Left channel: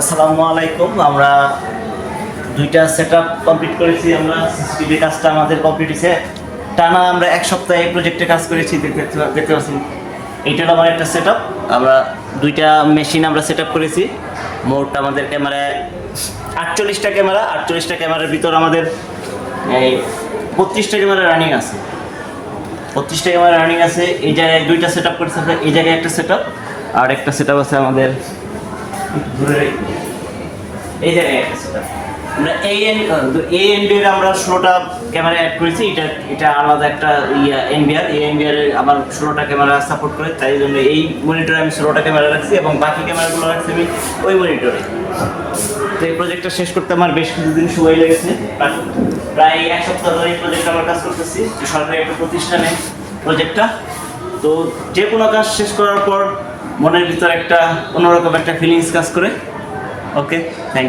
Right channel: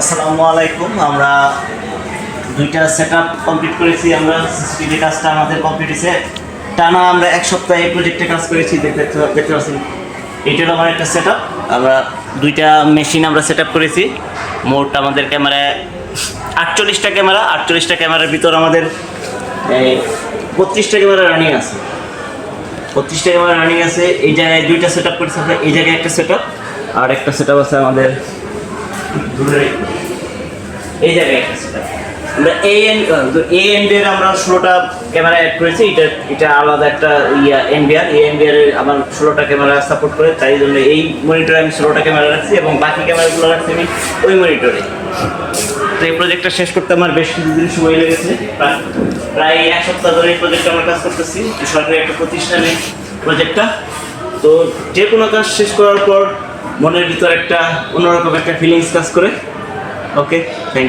আসসালামু আলাইকুম। আমরা দুইটা সেটআপ কমপ্লিট করেছি। আমরা সিসিটিভি কাজটা আমাদের কমপ্লিট হয়েছে। টানা আমরা এক সপ্তাহ এই প্রজেক্টে কাজ করেছি। দেখতে পাচ্ছেন এইটা হলো আমার একটা সেটআপ। আমরা দুইটা মেশিন আমরা সেটআপ করেছি। মোট আমাদের ক্যামেরায় 48টা ক্যামেরার ভিতর আমাদের 32টা ক্যামেরা রানিং আছে। 32টা ক্যামেরা রানিং আছে। এই জায়গায় দুইটা সেটআপ করেছি আমরা। এই জায়গায় একটা সেটআপ আর একটা সেটআপ আছে আমাদের এই জায়গায় একটা সেটআপ। আমরা এএনবিআর আমরা 16টা ক্যামেরা অ্যাড করেছি। এটা আলাদা একটা এএনবিআর আমার 16টা ক্যামেরা সাপোর্ট করে, তাই জন্য এই মনিটরে আমি 16টা ক্যামেরা রাখছি এবং বাকি ক্যামেরাগুলো রাখছি আমি ওই মনিটরে। তো এই প্রজেক্টটা শেষ করতে আমার বেশ কিছুদিন সময় লেগেছে। প্রায় এক সপ্তাহ ধরে এই প্রজেক্টটা আমরা কাজ করতেছি। সরকারি একটা প্রতিষ্ঠানে প্রজেক্টটা। তো যে কোনো কাজ শেষ করার পর মনের ভিতর একটা অন্যরকম একটা ফিলিংস কাজ করে। ওকে, থ্যাংক ইউ।